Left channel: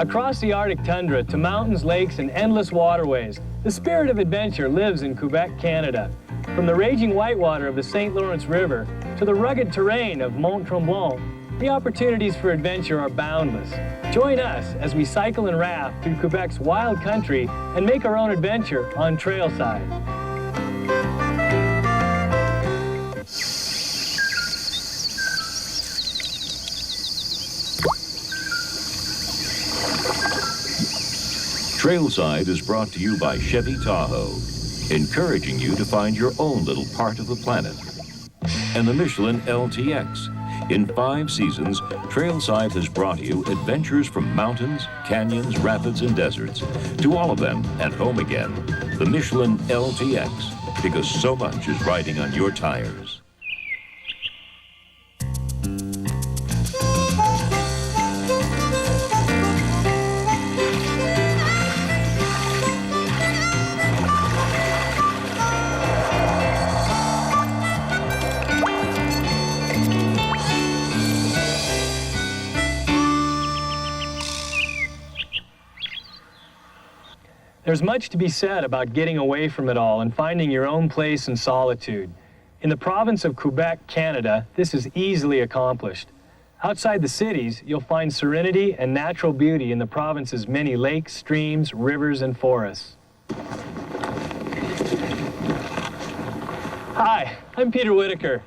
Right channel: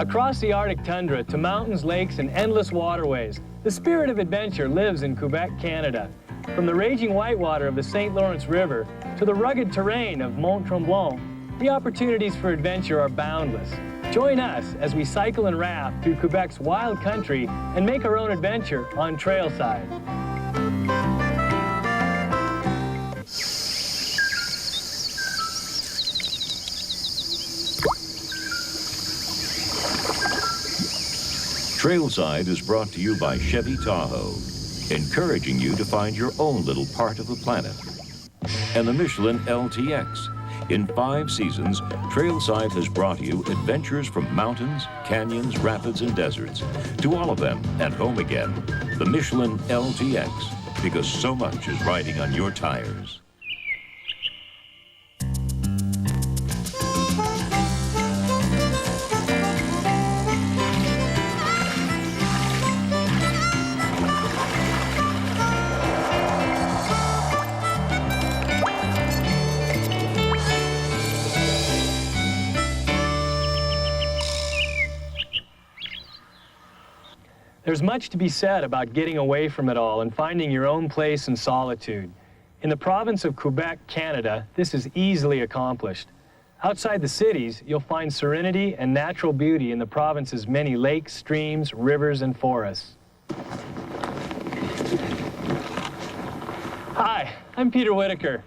Across the Arctic tundra to mountains, lakes, and endless waterways, the spirit of adventure lives in Quebec, Canada. From the raging whitewater of the St. Lawrence River to the rugged terrain of Mont Tremblant, the opportunities for adventure are boundless. Join us as we cycle and raft through Quebec's wild country and make our own adventure on Trailside. Trailside is brought to you by Chevy Tahoe, encouraging you to find your own little part of the planet. And the Michelin LTX. In 5 seasons, Trailside has brought you adventures from mountains, canyons, rapids, and deserts. To all of them and home again. The Michelin LTX, because so much is riding on your tires. There's much to be said about getting away from it all and finding your own place in solitude. In the province of Quebec, Canada, this is easily accomplished. Outside the cities, you'll find serenity and natural beauty in the province's many lakes, streams, rivers, and forests. Hi, I'm Peter Whitaker.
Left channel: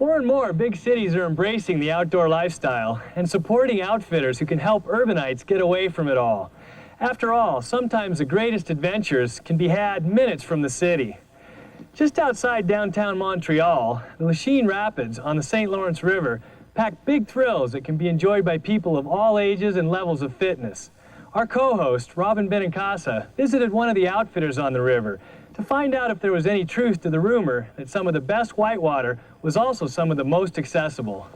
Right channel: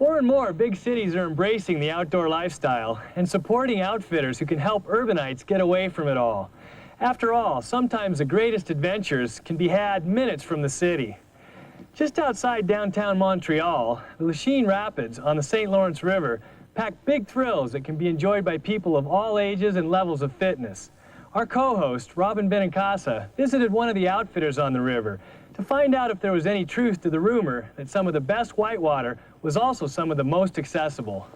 More and more big cities are embracing the outdoor lifestyle and supporting outfitters who can help urbanites get away from it all. After all, sometimes the greatest adventures can be had minutes from the city. Just outside downtown Montreal, the Lachine Rapids on the St. Lawrence River pack big thrills that can be enjoyed by people of all ages and levels of fitness. Our co-host, Robyn Benincasa, visited one of the outfitters on the river to find out if there was any truth to the rumor that some of the best whitewater was also some of the most accessible.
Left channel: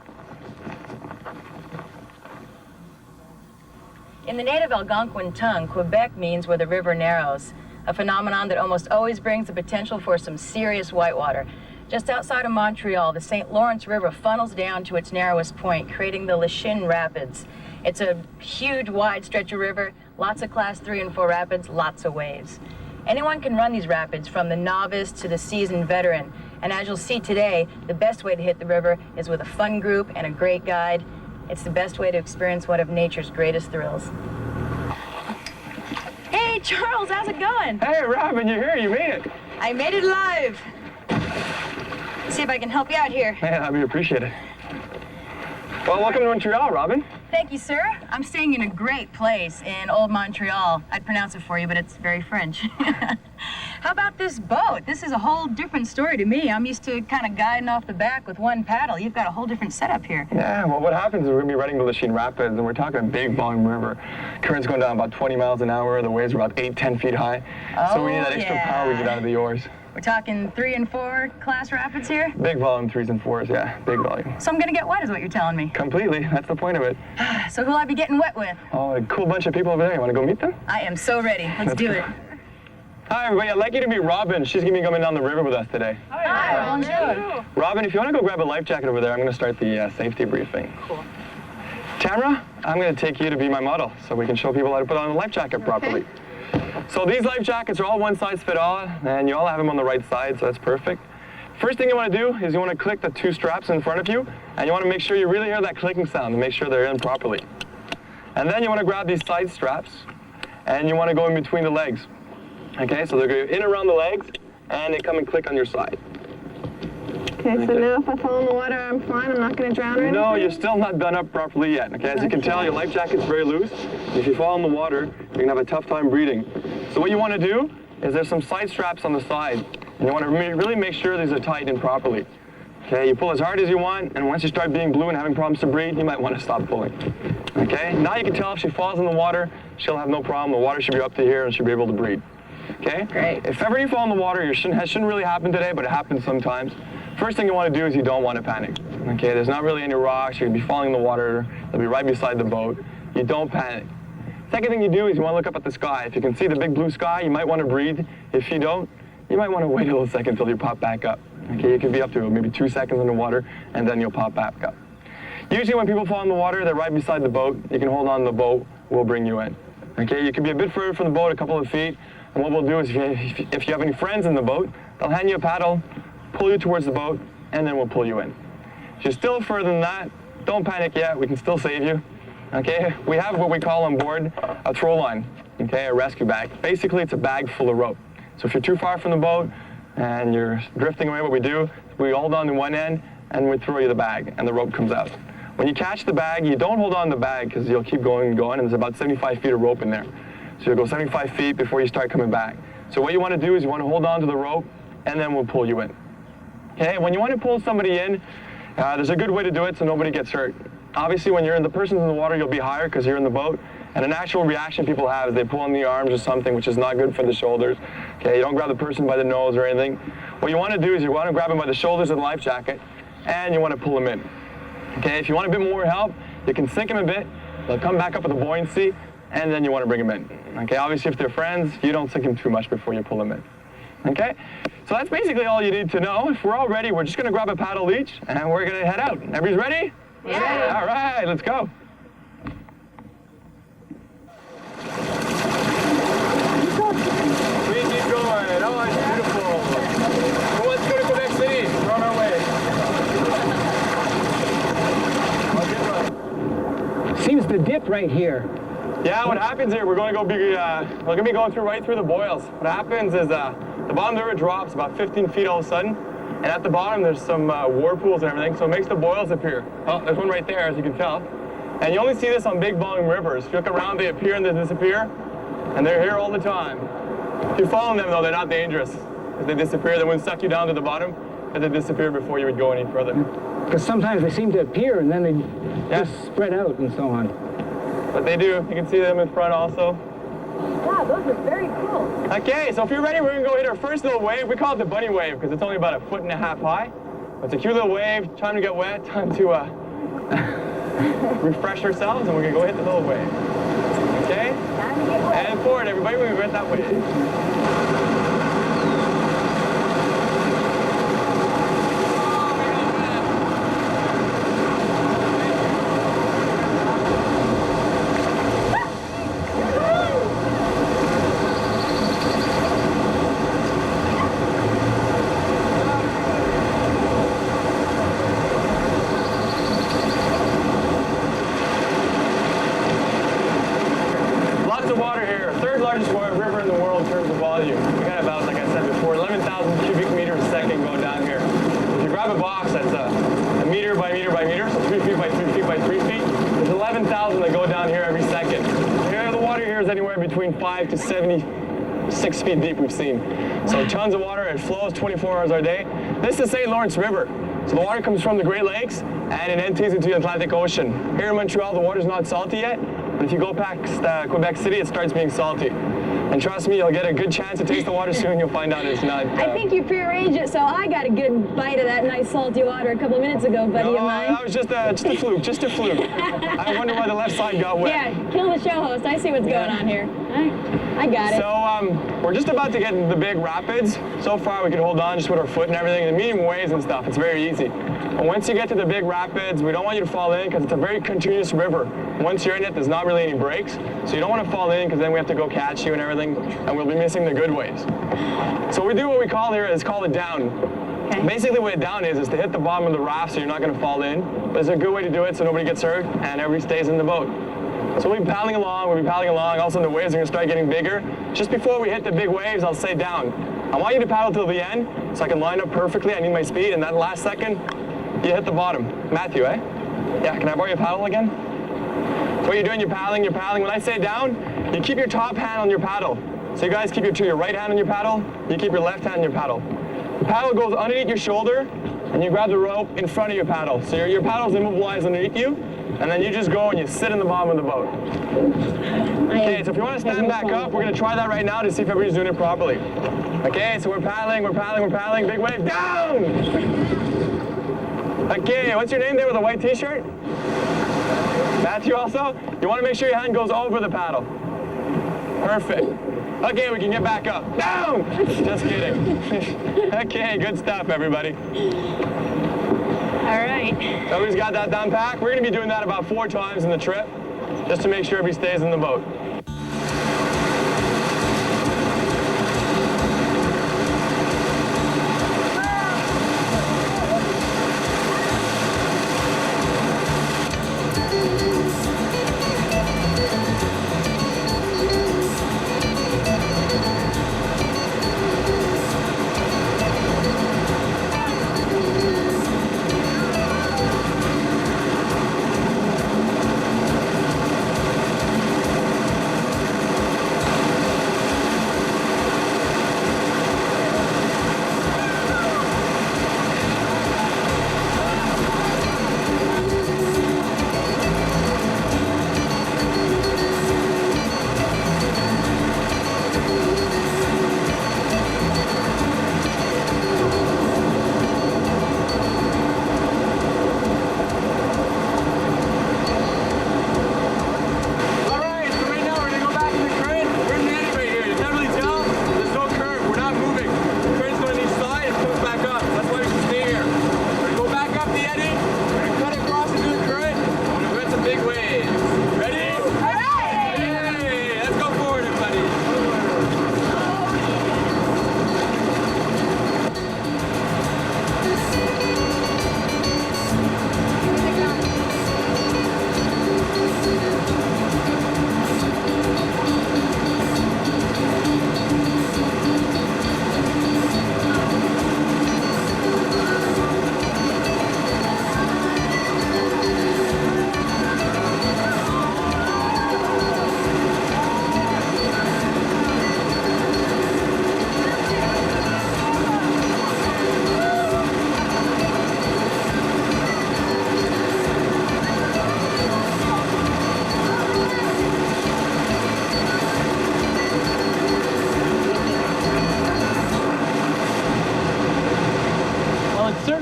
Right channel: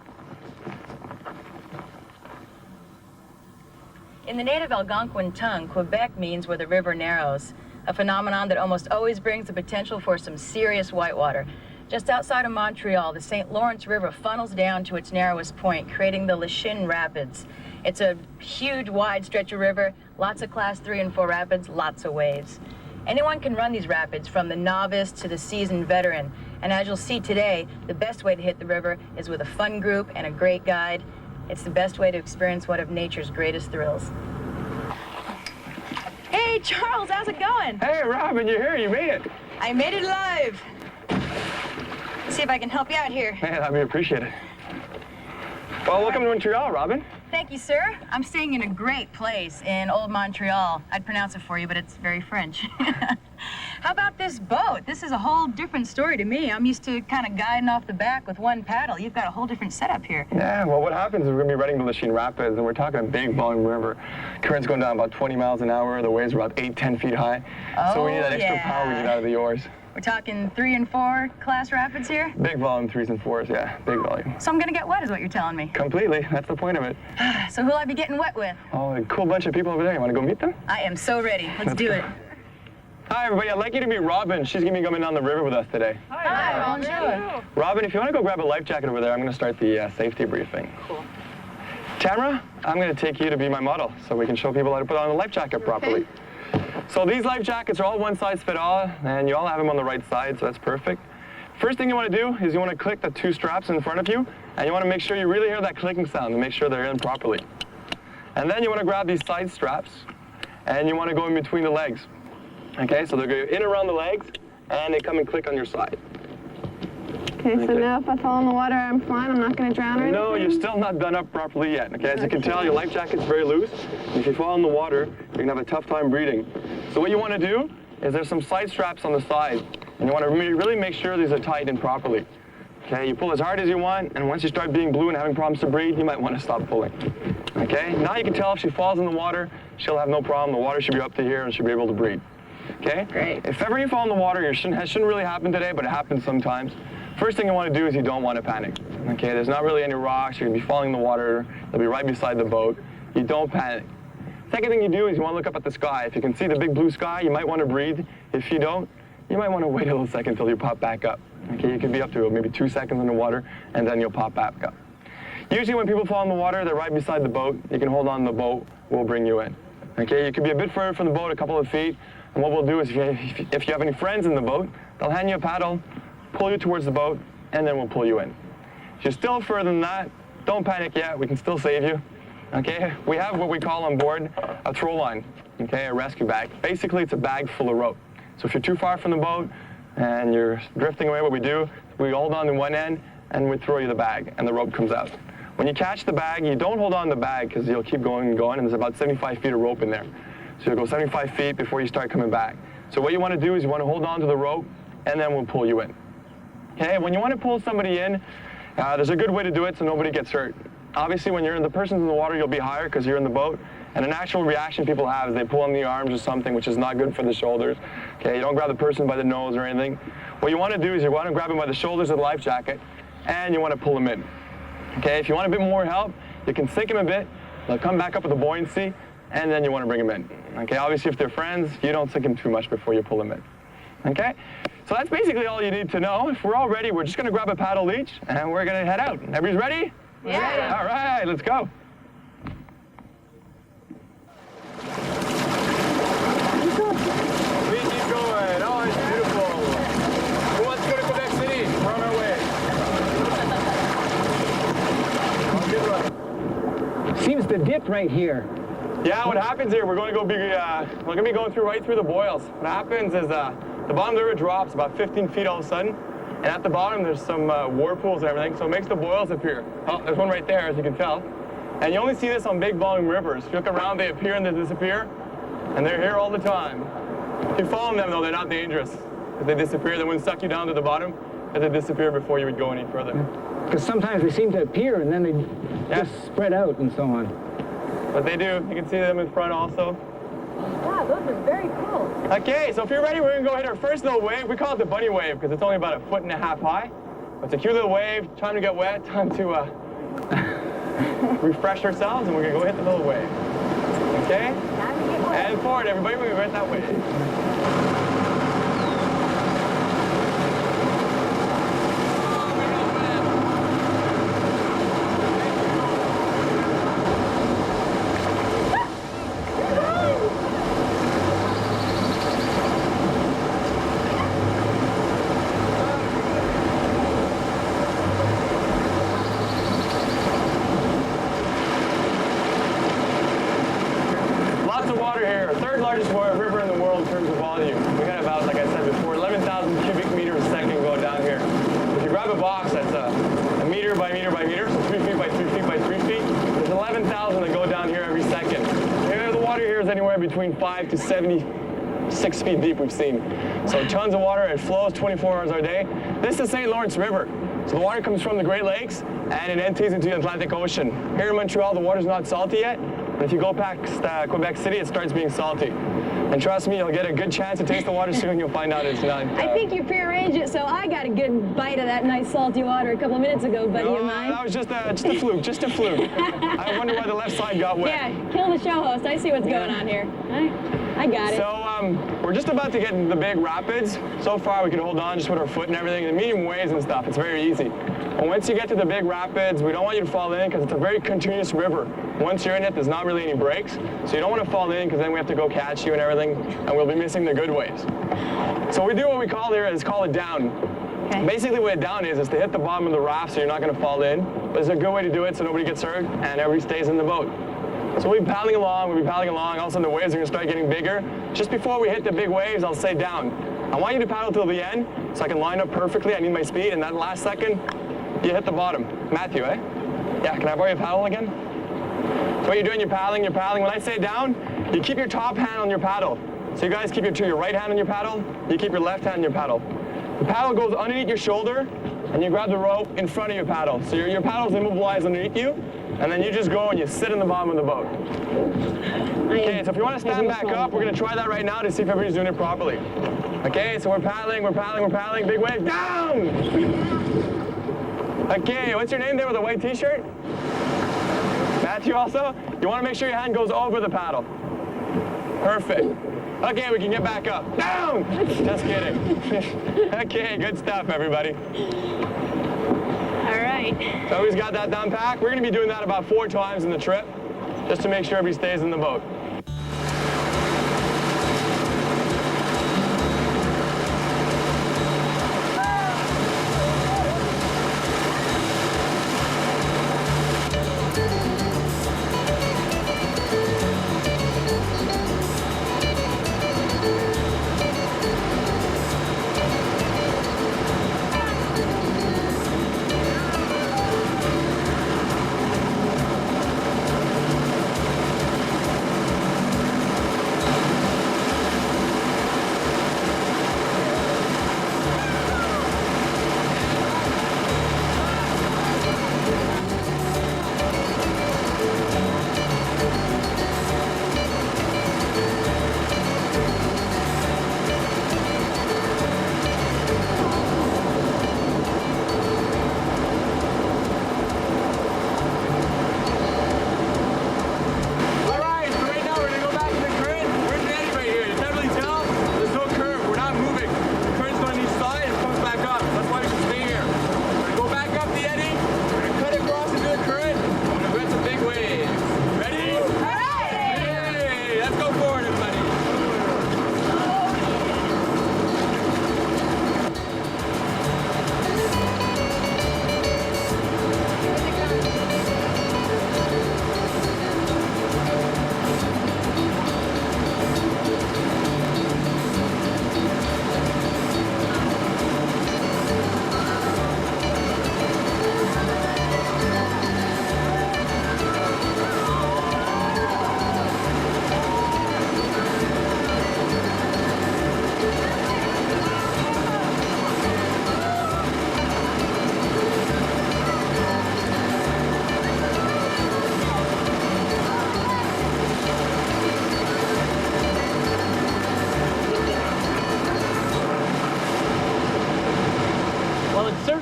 In the native Algonquin tongue, Quebec means where the river narrows, a phenomenon that almost always brings the potential for some serious whitewater. Just outside of Montreal, the St. Lawrence River funnels down to its narrowest point, creating the Lachine Rapids. It's a huge, wide stretch of river, lots of Class 3 and 4 rapids, lots of waves. Anyone can run these rapids, from the novice to the seasoned veteran. And as you'll see today, the best way to hit the river is with a fun group and a great guide. It's the best way to experience one of nature's greatest thrills. Hey, Charles, how's it going? Hey, Robyn, you're here. You made it. I made it alive. Let's see if I can help you out here. Man, that'd be appreciated. Well, welcome to Montreal, Robyn. Thank you, sir. I'm staying in a great place in Old Montreal. I'd pronounce it for you, but it's very French. How about this boat? This is a whole different story to me. I'm used to kind of guiding off the back with one paddle. You've got a whole different setup here. Yeah, well, what happens is we're going to be riding the Lachine Rapids, and we're talking a big volume river. Current's going down about 20 miles an hour. The waves are about 8-10 feet high. Oh, so we need that extra power we get out of the oars. We're talking 3 and 4 class rapids here? Big volume, 3s and 4s, yeah, big volume. So I'm going to get wet is what you're telling me. Completely, that's the point of it. So who'll I be getting wet with? Oh, a cool bunch of people over there. You want to go meet them? I am so ready. Let's do it. Hi, everybody. I'd like you to meet Robyn. She's going to be coming down the river with us today. Hi, bonjour. Robyn, if you want to go grab a life jacket over there, I'm going to start the safety briefing. Cool. Tamara, I'm going to take you to be my model so we can show people how to put on a life jacket properly. So these life jackets are all one size fit all, and you all have them on the right side, so that's perfect. First thing you want to do is you want to click the 2 straps in front of you, and you want to make sure you really hear that clicking sound to make sure they're in properly. And then you want to grab these side straps, and you want to go in between the legs. Okay, so they're going in around the legs, and they come and click on your side. Okay, so now if I fall in the water, I'm fine? I'm not going to drown or anything? No, you're still not done up properly yet. Okay, as you can tell, your life jacket's very loose. If you fall in the water, you're going to have a tough time breathing. So what you want to do is there's some side straps on the side, and you want to really make sure these are tight and properly. Okay, you pull as hard as you want, and once you start being blue and having problems to breathe, you might want to stop pulling. Okay, now you can tell if she falls in the water, she'll have no problem. The water should be up to here, and she'll be able to breathe. Okay? Great. If ever you fall in the water, it shouldn't really happen today, but it happens sometimes. First thing you want to do is you don't want to panic. Okay, there's not really any rocks. You're going to be falling in the water. They'll be right beside the boat. You don't panic. Second thing you do is you want to look up at the sky. If you can see the big blue sky, you might want to breathe. If you don't, you might want to wait a little second until you pop back up. Okay, you could be up to maybe 2 seconds in the water, and then you'll pop back up. Usually when people fall in the water, they're right beside the boat. You can hold on to the boat we'll bring you in. Okay, you could be a bit further from the boat, a couple of feet, and what we'll do is if you have any friends in the boat, they'll hand you a paddle, pull you towards the boat, and then we'll pull you in. If you're still further than that, don't panic yet, we can still save you. Okay, we have what we call on board a throw line, okay, a rescue bag. Basically, it's a bag full of rope. So if you're too far from the boat and you're drifting away, what we do, we hold on to one end and we throw you the bag and the rope comes out. When you catch the bag, you don't hold on to the bag because you'll keep going and going, and there's about 75 feet of rope in there. So you'll go 75 feet before you start coming back. So what you want to do is you want to hold on to the rope and then we'll pull you in. Okay, when you want to pull somebody in, there's a good way to do it so nobody gets hurt. Obviously, when the person's in the water, you'll be higher because you're in the boat. And a natural reaction people have is they pull on the arms or something, which is not good for the shoulders. Okay, you don't grab the person by the nose or anything. What you want to do is you want to grab them by the shoulders of the life jacket, and you want to pull them in. Okay, if you want a bit more help, you can sink them a bit. They'll come back up with a buoyancy, and then you want to bring them in. Okay, obviously, if they're friends, you don't sink them too much before you pull them in. Okay, so that's basically all you need to know. If we're all ready, we're just going to grab a paddle each, and we're going to head out. Everybody's ready? Yeah. All right, let's go. We keep going. Oh, it's beautiful. Who wants to go to Quebec City? We're on our way. Seems to dip right here. Yeah, what happens here, we're going to be going right through the boils. What happens is the bottom of the river drops about 15 feet all of a sudden, and at the bottom there's some whirlpools and everything, so it makes the boils appear. Oh, there's one right there, as you can tell. And you only see this on big volume rivers. If you look around, they appear and they disappear, and they're here all the time. If you follow them, though, they're not dangerous. If they disappear, they wouldn't suck you down to the bottom, but they disappear before you would go any further. Because sometimes they seem to appear and then they just spread out and so on. But they do. You can see them in front also. Wow, those are very cool. Okay, so if you're ready, we're going to go hit our first little wave. We call it the bunny wave because it's only about 1.5 feet high. It's a cute little wave. Time to get wet. Time to refresh ourselves, and we're going to go hit the little wave. Okay? Time to get wet. And forward, everybody. We're going to hit that wave. Anywhere between 5 to 76 feet deep we've seen. So tons of water, it flows 24 hours a day. This is the St. Lawrence River. So the water comes from the Great Lakes and it empties into the Atlantic Ocean. Here in Montreal, the water's not salty yet, but if you go past Quebec City, it starts being salty. And trust me, you'll get a good chance to taste the water soon, you'll find out it's not. I think you prearranged it, so I got a good bite of that nice salty water a couple of minutes ago, buddy of mine. That was just a fluke, just a fluke. I wonder why the left side got wet. Yeah, kill the show host. I see what's going on here. I got it. So we're just about to get into the big rapids. So far we can hold on just with our foot and everything. The medium waves and stuff, it's very easy. But once you get to the big rapids, we don't want you to fall in because it's a very continuous river. Once you're in it, there's not really any breaks. So you don't want to fall in because then we have to go catch you and everything, and we'll be missing the good waves. So we do what we call here is call it down. Okay. Basically what a down is to hit the bottom of the raft so you're not going to fall in. But it's a good way to do it so nobody gets hurt and everybody stays in the boat. So we'll be paddling along, all of a sudden the waves are going to start getting bigger. Just before we hit the big waves, I'll say down. I want you to paddle till the end so I can line up perfectly. I need my speed, and that last second, you hit the bottom. Matthew, eh? Yeah, can I borrow your paddle again? So what you're doing, you're paddling. When I say down, you keep your top hand on your paddle. So you guys keep your right hand on your paddle, you keep your left hand on your paddle. The paddle goes underneath your shoulder, and you grab the rope in front of your paddle. So your paddle's immobilized underneath you, and then you just go and you sit in the bottom of the boat. Okay, so if you want to stand back up, we're going to try that right now to see if everybody's doing it properly. Okay, so we're paddling, big wave, down! Okay, what's your name there with a white t-shirt? Matthew also? You want to make sure your hand goes over the paddle. Perfect. Okay, we can get back up. Down! Just kidding. Okay, good stuff, everybody. All right. So everybody's got that down pat. We're going to be doing that about 4 times in the trip. just to make sure everybody stays in the boat.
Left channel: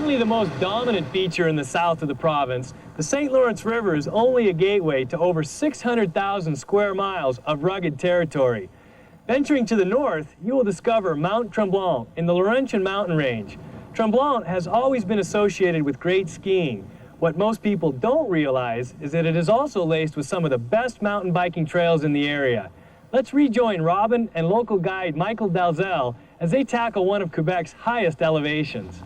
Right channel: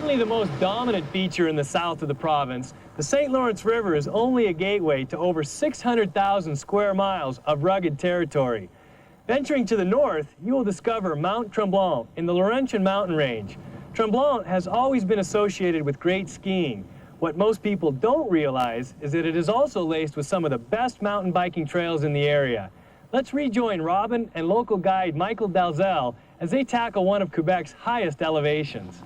The most dominant feature in the south of the province, the St. Lawrence River is only a gateway to over 600,000 square miles of rugged territory. Venturing to the north, you will discover Mont Tremblant in the Laurentian mountain range. Tremblant has always been associated with great skiing. What most people don't realize is that it is also laced with some of the best mountain biking trails in the area. Let's rejoin Robyn and local guide Michael Dalzell as they tackle one of Quebec's highest elevations.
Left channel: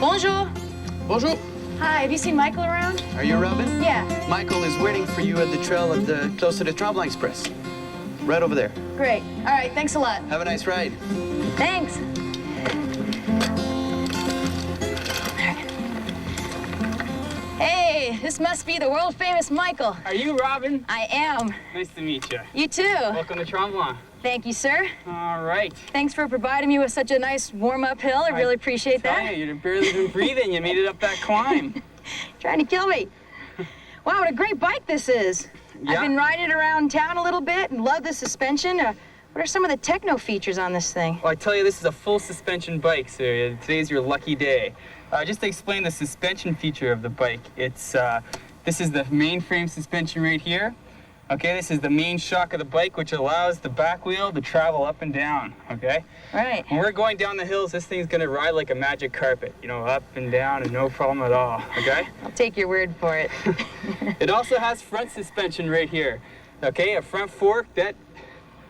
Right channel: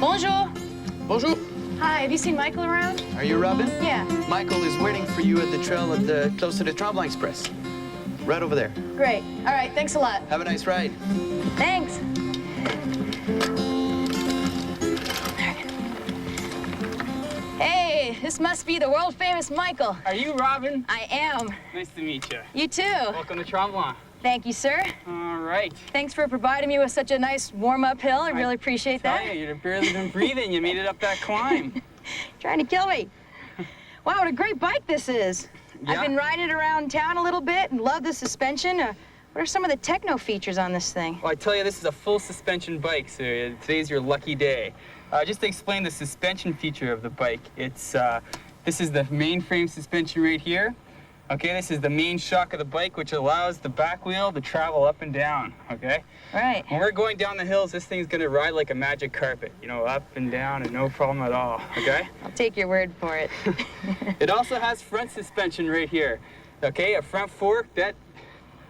Bonjour. Bonjour. Hi, have you seen Michael around? Are you Robyn? Yeah. Michael is waiting for you at the trail close to the Tremblant Express. Right over there. Great. All right, thanks a lot. Have a nice ride. Thanks. Hey, this must be the world-famous Michael. Are you Robyn? I am. Nice to meet you. You too. Welcome to Tremblant. Thank you, sir. All right. Thanks for providing me with such a nice warm-up hill. I really appreciate that. You've barely been breathing. You made it up that climb. Trying to kill me. Wow, what a great bike this is. Yeah. I've been riding it around town a little bit and love the suspension. What are some of the techno features on this thing? Well, I tell you, this is a full suspension bike, so today's your lucky day. Just to explain the suspension feature of the bike, it's this is the main frame suspension right here. Okay, this is the main shock of the bike, which allows the back wheel to travel up and down, okay? Right. When we're going down the hills, this thing's gonna ride like a magic carpet, you know, up and down and no problem at all, okay? I'll take your word for it. It also has front suspension right here, okay? A front fork that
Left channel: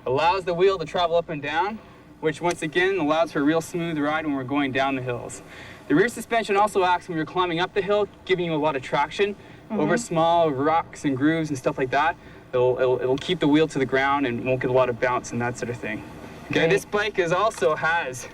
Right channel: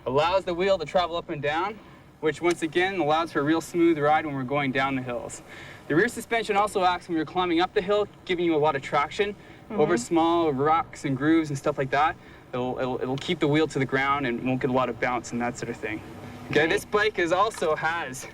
allows the wheel to travel up and down, which once again allows for a real smooth ride when we're going down the hills. The rear suspension also acts when you're climbing up the hill, giving you a lot of traction over small rocks and grooves and stuff like that. It'll keep the wheel to the ground and won't get a lot of bounce and that sort of thing. Okay, Great. This bike also has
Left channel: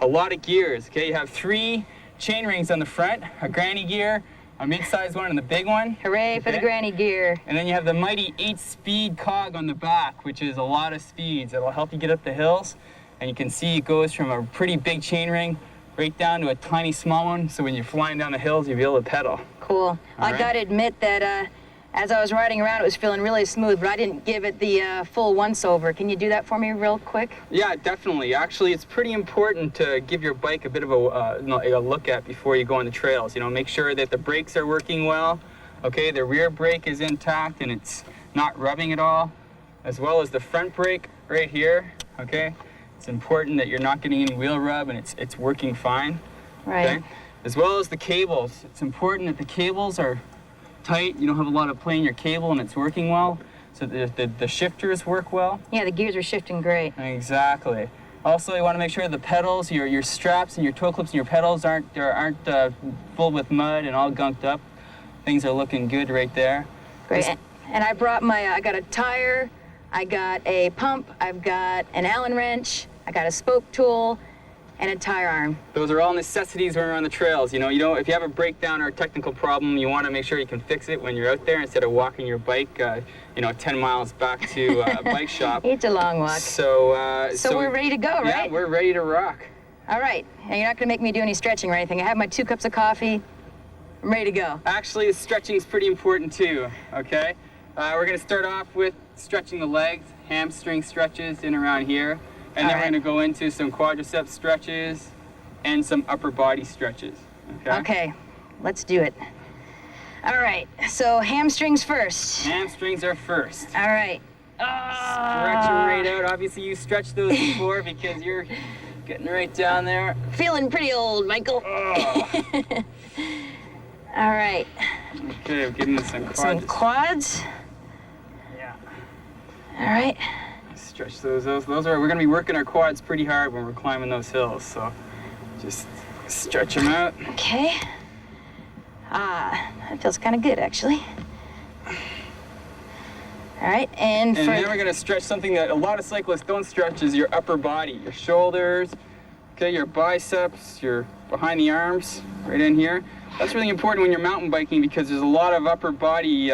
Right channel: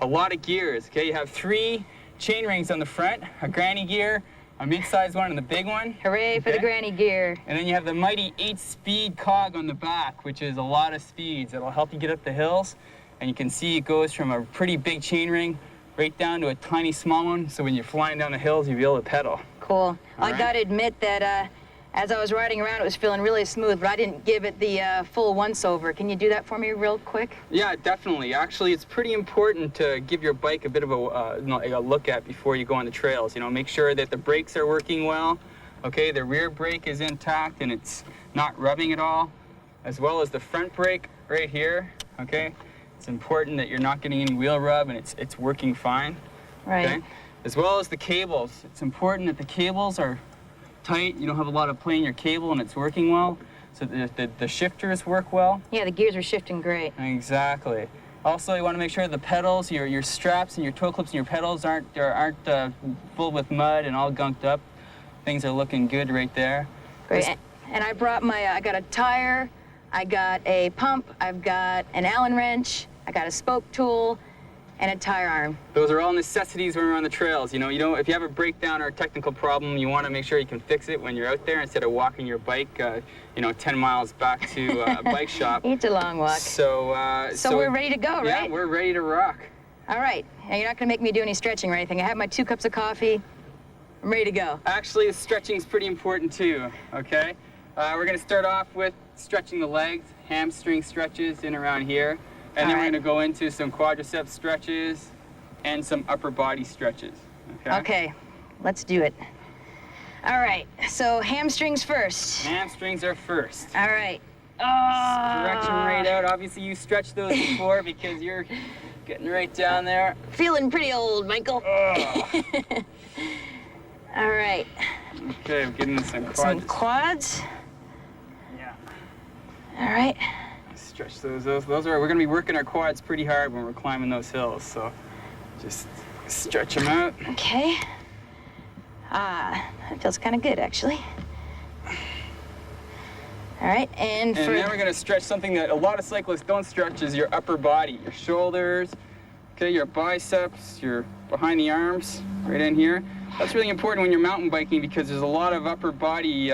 a lot of gears. Okay, you have 3 chain rings on the front, a granny gear, a mid-sized one, and the big one. Hooray for the granny gear. And then you have the mighty 8-speed cog on the back, which is a lot of speeds. It'll help you get up the hills. And you can see it goes from a pretty big chain ring right down to a tiny small one. So when you're flying down the hills, you'll be able to pedal. Cool. I gotta admit that as I was riding around, it was feeling really smooth, but I didn't give it the full once-over. Can you do that for me real quick? Yeah, definitely. Actually, it's pretty important to give your bike a bit of a look at before you go on the trails. You know, make sure that the brakes are working well. Okay, the rear brake is intact and it's not rubbing at all. as well as the front brake right here, okay? It's important that you're not getting any wheel rub and it's working fine. Right. Okay? As well as the cables. It's important that the cables are tight, you don't have a lot of play in your cable and it's working well, so the shifters work well. Yeah, the gears are shifting great. Exactly. Also, you want to make sure the pedals, your straps and your toe clips and your pedals aren't full with mud and all gunked up. Things are looking good right there. Great. And I brought I got a tire, I got a pump, I've got an Allen wrench, I got a spoke tool, and a tire arm. Those are all necessities when we're on the trails. You know, if you have a breakdown or a technical problem, you want to make sure you can fix it when you're out there instead of walking your bike, 10 miles back to a bike shop. It's a long walk. So we're ready to go, right? Yeah, we're ready to rock. All right. And you're not going to make me do any stretching or anything. I have my 2 cups of coffee. I'm ready to go. Actually, stretching is pretty important too, okay? We're going to start off with stretching the legs, hamstring stretches in around here. And then we're going to go into some quadricep stretches and some upper body stretches. Okay? Okay, let's do it. All right, so hamstrings first. Hamstrings are first. All right. Stretch them right out. Obviously, you stretched those before because you're getting right down there. Feeling pretty old, Michael. All right. Okay, we're getting some quads. Some quads. Yeah. All right. Stretch those are, we're gonna be working our quads pretty hard when we're climbing those hills, so just stretch them out. Okay. That feels kind of good, actually. All right, and then we're gonna stretch something that a lot of cyclists don't stretch is your upper body, your shoulders, okay, your biceps, your behind the arms, right in here. That's really important when you're mountain biking because there's a lot of upper body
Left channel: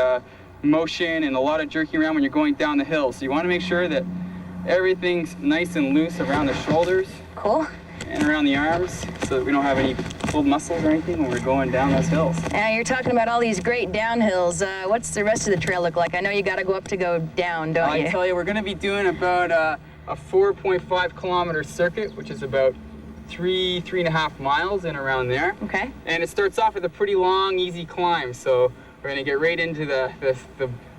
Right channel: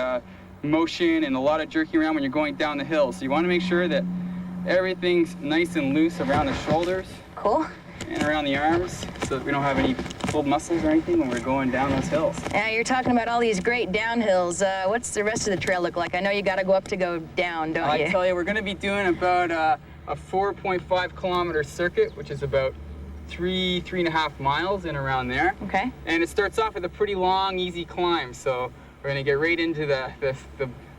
motion and a lot of jerking around when you're going down the hill. So you want to make sure that everything's nice and loose around the shoulders. Cool. And around the arms so that we don't have any pulled muscles or anything when we're going down those hills. Now you're talking about all these great downhills. What's the rest of the trail look like? I know you got to go up to go down, don't you? I tell you, we're going to be doing about a 4.5 kilometer circuit, which is about 3.5 miles in around there. Okay. And it starts off with a pretty long, easy climb. So we're going to get right into the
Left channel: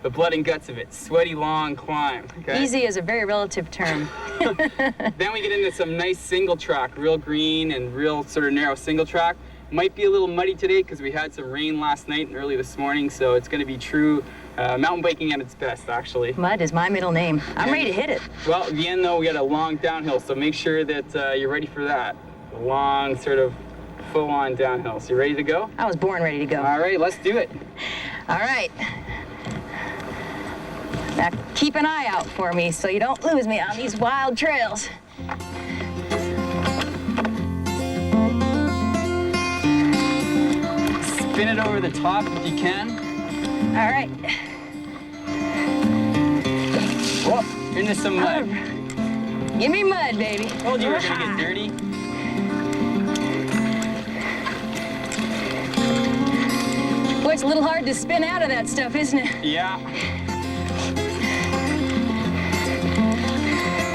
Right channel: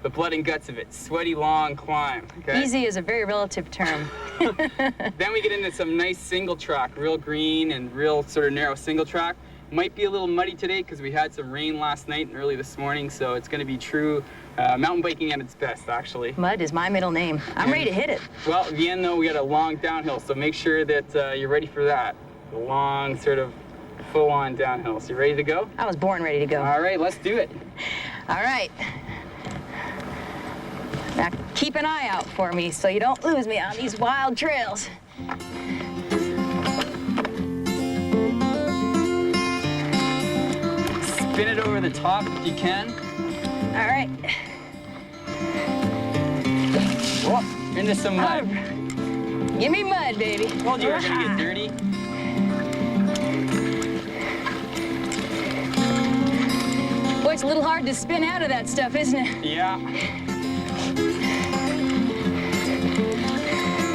blood and guts of it. Sweaty, long climb. Okay? Easy is a very relative term. Then we get into some nice single track, real green and real sort of narrow single track. Might be a little muddy today because we had some rain last night and early this morning, so it's going to be true mountain biking at its best, actually. Mud is my middle name. I'm ready to hit it. Well, at the end, though, we got a long downhill, so make sure that you're ready for that. A long, sort of full-on downhill. So you ready to go? I was born ready to go. All right, let's do it. All right. Now, keep an eye out for me so you don't lose me on these wild trails. Spin it over the top if you can. All right. Whoa, into some mud. Give me mud, baby. Told you we were gonna get dirty. Boy, it's a little hard to spin out of that stuff, isn't it? Yeah.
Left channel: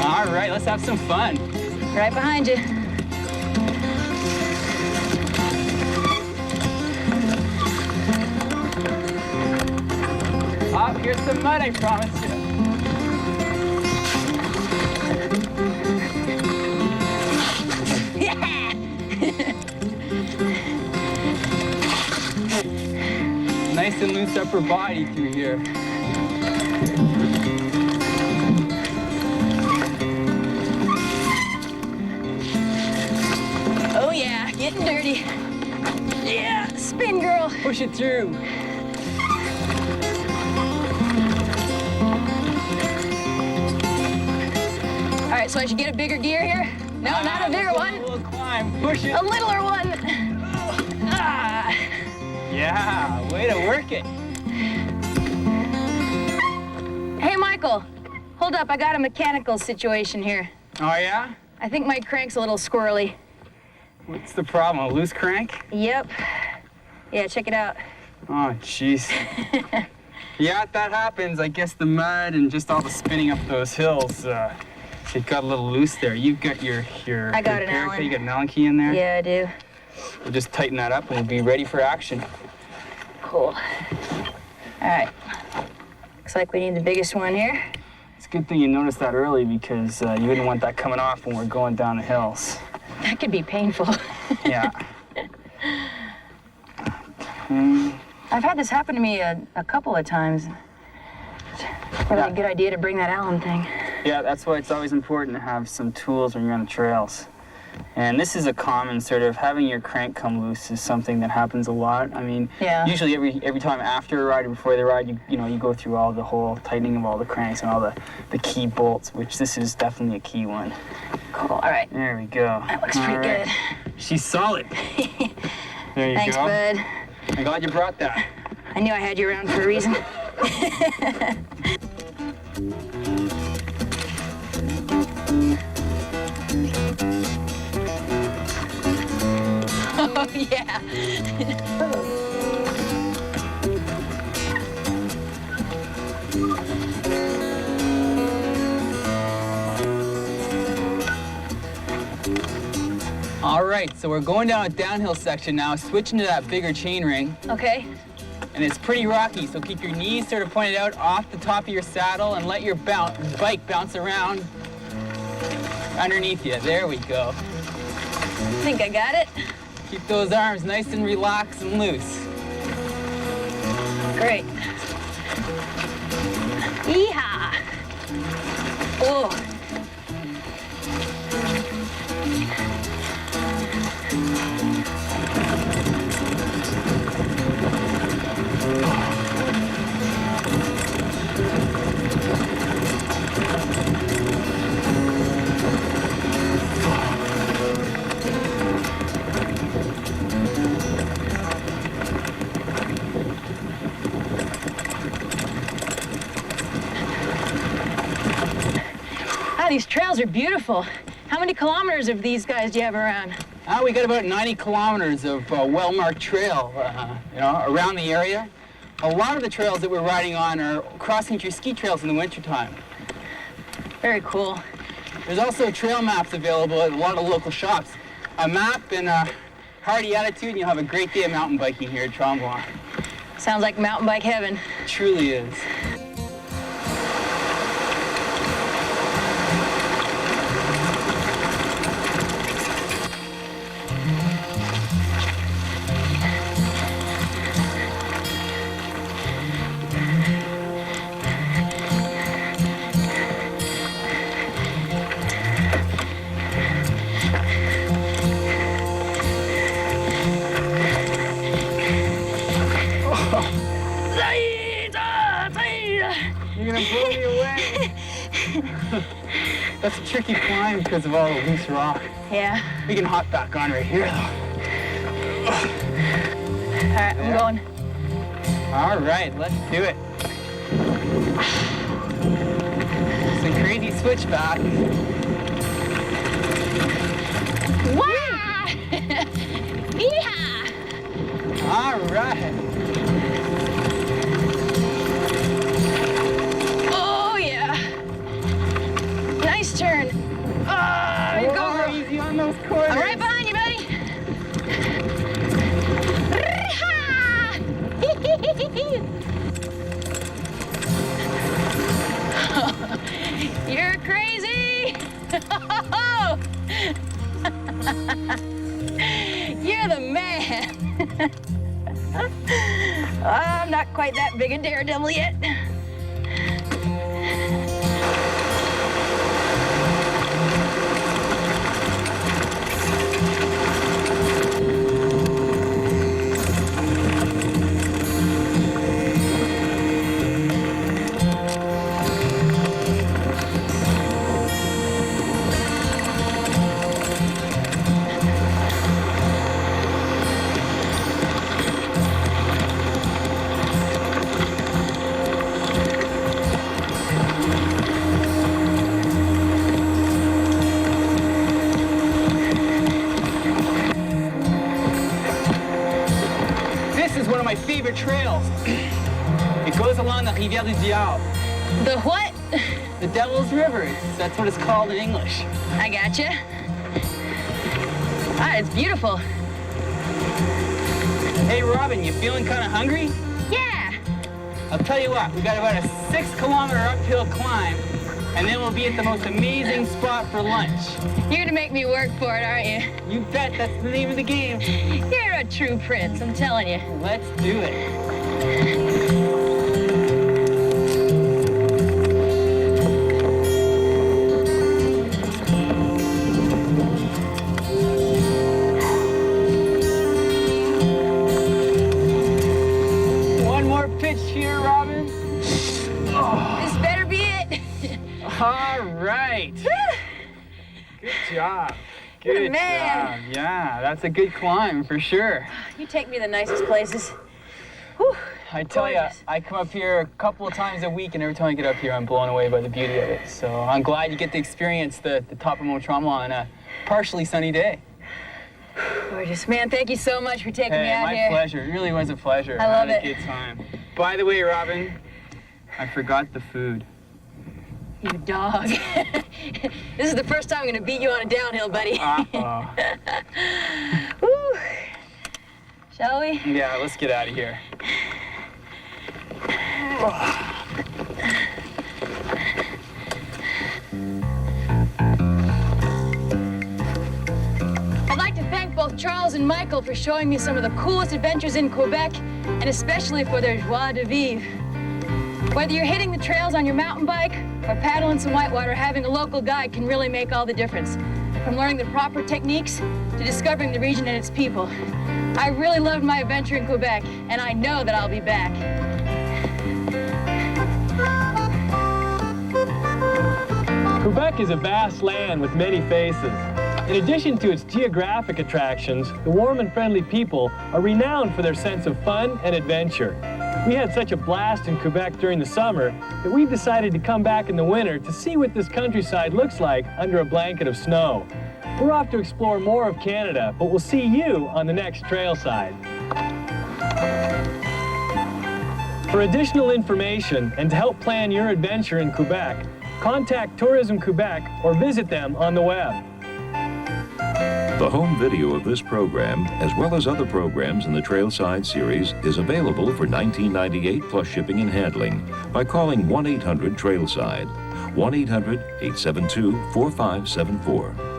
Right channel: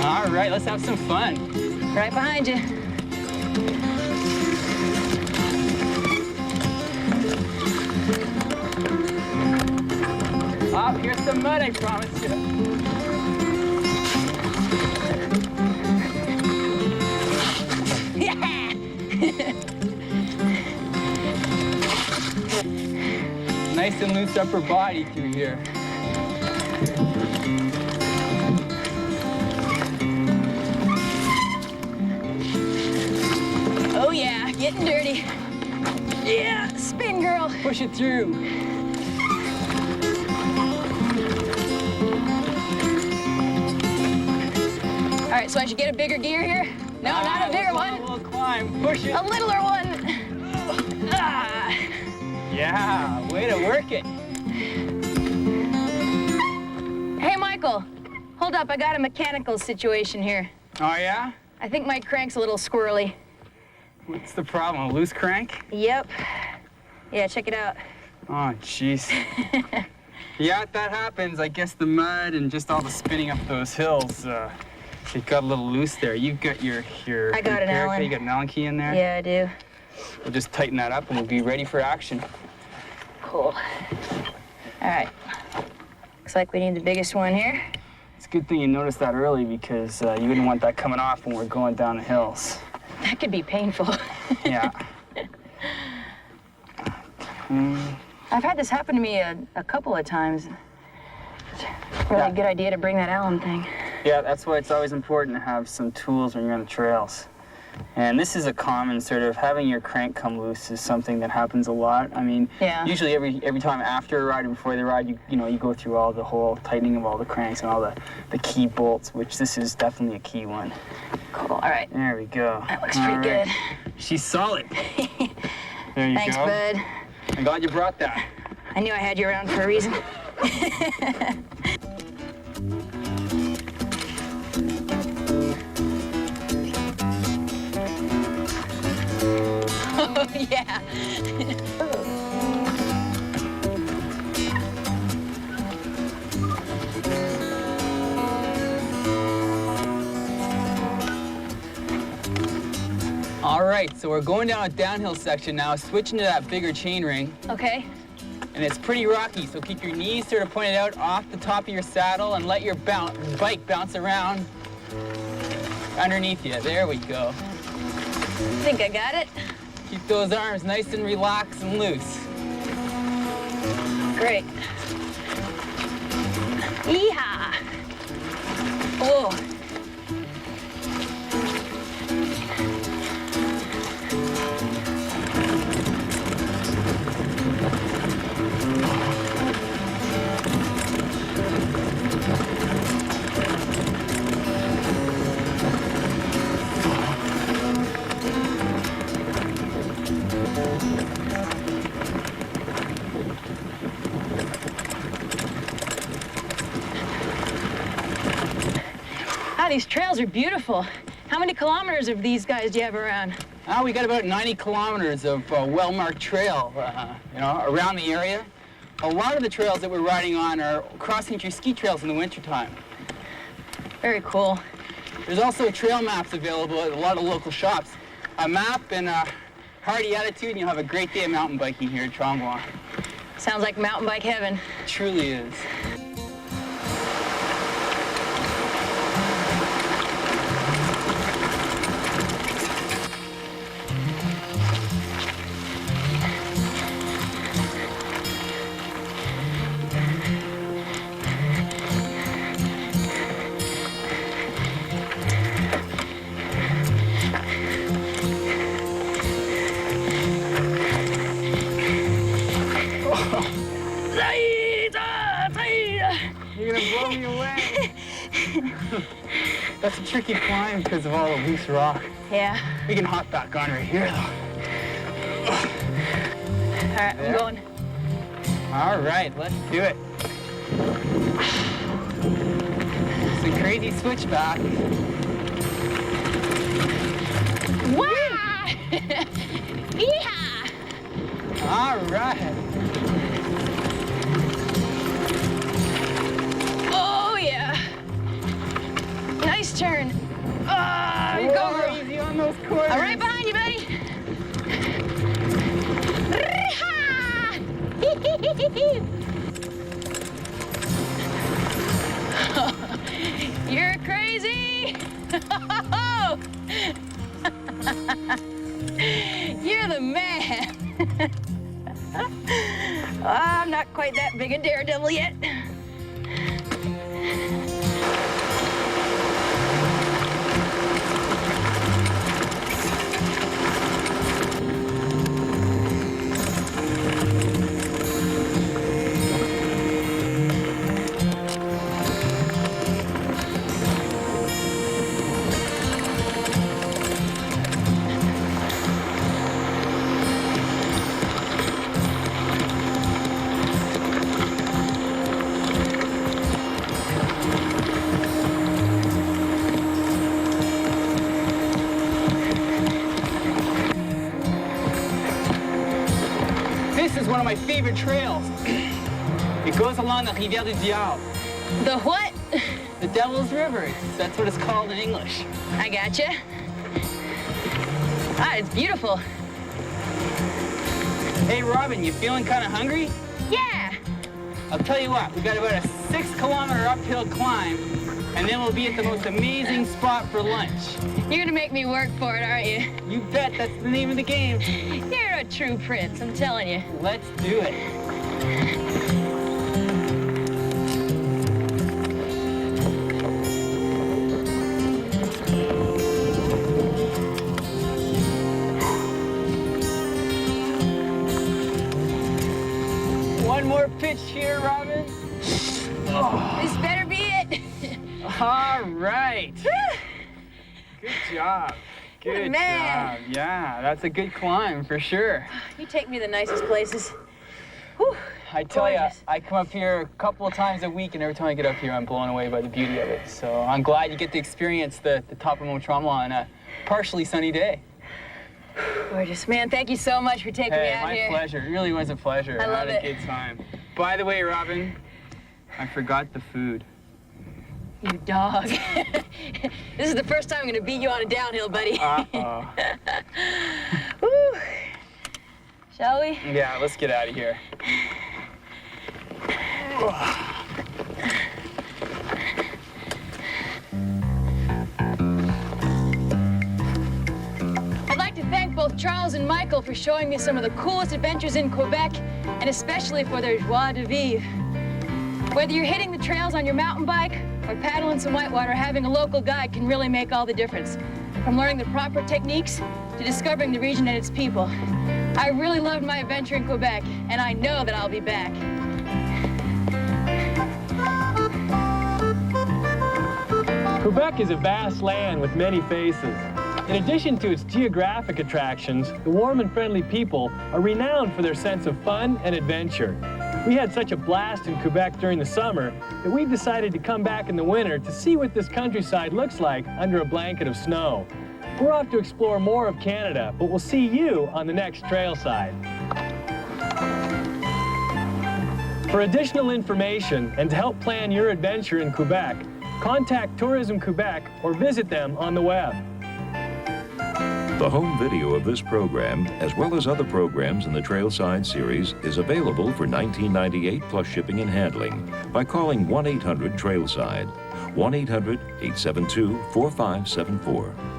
All right, let's have some fun. Right behind you. Oh, here's some mud, I promise you. Yeah! Nice and loose upper body through here. Oh yeah, getting dirty. Yeah, spin, girl. Push it through. All right, so I should get a bigger gear here? No, not a bigger one. A little climb, push it. A littler one. Ah. Yeah, way to work it. Hey, Michael, hold up. I got a mechanical situation here. Oh, yeah? I think my crank's a little squirrely. What's the problem, a loose crank? Yep. Yeah, check it out. Oh, jeez. Yeah, that happens. I guess the mud and just all the spinning up those hills, it got a little loose there. You've got your I got an repair Allen. key. You got an Allen key in there? Yeah, I do. We'll just tighten that up and we'll be ready for action. Cool. All right. Looks like we need the biggest one here. It's a good thing you noticed that early because you wouldn't want that coming off when we're going down the hills. That could be painful. Yeah. I've had this happen to me a couple of times. It's really a good idea to bring that Allen thing. Yeah, that's why it's always important to have some tools when you're on the trails. And this is a common sort of, having your crank come loose is something that happens a lot. I mean, usually every time after a ride or before the ride, you go through all the whole tightening of all the cranks and all the key bolts, which this is definitely a key one. Cool, all right. There we go. That looks pretty good. She's solid. There you Thanks, go. bud. I'm glad you brought that. I knew I had you around for a reason. Oh, yeah. All right, so we're going down a downhill section now, switching to that bigger chain ring. Okay. And it's pretty rocky, so keep your knees sort of pointed out off the top of your saddle and let your bike bounce around underneath you. There we go. I think I got it. Keep those arms nice and relaxed and loose. Great. Yeehaw! Oh. These trails are beautiful. How many kilometers of these guys do you have around? We got about 90 kilometers of well-marked trail, around the area. A lot of the trails that we're riding on are cross-country ski trails in the wintertime. Very cool. There's also trail maps available at a lot of local shops. A map and a hearty attitude, and you'll have a great day of mountain biking here at Tremblant. Sounds like mountain bike heaven. It truly is. You're gonna blow me away. That's a tricky climb because of all the loose rock. Yeah. We can hop back on right here, though. All right, I'm going. All right, let's do it. Some crazy switchback. Wow! Yeehaw! All right. Oh, yeah. Nice turn. Go easy on those corners. I'm right behind you, buddy. You're crazy. You're the man. I'm not quite that big a daredevil yet. This is one of my favorite trails. It goes along the Rivière du Diable. The what? The Devil's River. That's what it's called in English. I gotcha. Ah, it's beautiful. Hey, Robyn, you feeling kind of hungry? Yeah. I'll tell you what, we got about a 6-kilometer uphill climb, and then we'll be at the most amazing spot for lunch. You're gonna make me work for it, aren't you? You bet, that's the name of the game. You're a true prince, I'm telling you. Let's do it. One more pitch here, Robyn. Oh. This better be it. All right. Good job. Good job. Yeah, that's a good climb for sure. You take me to the nicest places. Whew, I tell you, gorgeous. I come up here a couple of times a week, and every time I get up here, I'm blown away by the beauty of it. So I'm glad you get to experience the top of Mont Tremblant on a partially sunny day. Gorgeous. Man, thank you so much for taking me out here. My pleasure. It really was a pleasure. I love had it. a good time. By the way, Robyn, I forgot the food. You dog. This is the first time I'm gonna beat you on a downhill, buddy. Uh-oh. Woo. Shall we? Yeah, let's get out of here. I'd like to thank both Charles and Michael for showing me some of the coolest adventures in Quebec, and especially for their joie de vivre. Whether you're hitting the trails on your mountain bike or paddling some whitewater, having a local guide can really make all the difference. From learning the proper techniques to discovering the region and its people. I really loved my adventure in Quebec, and I know that I'll be back. Quebec is a vast land with many faces. In addition to its geographic attractions, the warm and friendly people are renowned for their sense of fun and adventure. We had such a blast in Quebec during the summer that we've decided to come back in the winter to see what this countryside looks like under a blanket of snow. We're off to explore more of Canada, but we'll see you on the next Trailside. For additional information and to help plan your adventure in Quebec, contact Tourism Quebec or visit them on the web. The home video of this program, as well as other programs in the Trailside series, is available for $19.98 plus shipping and handling by calling 1-800-TRAILSIDE, 1-800-872-4574.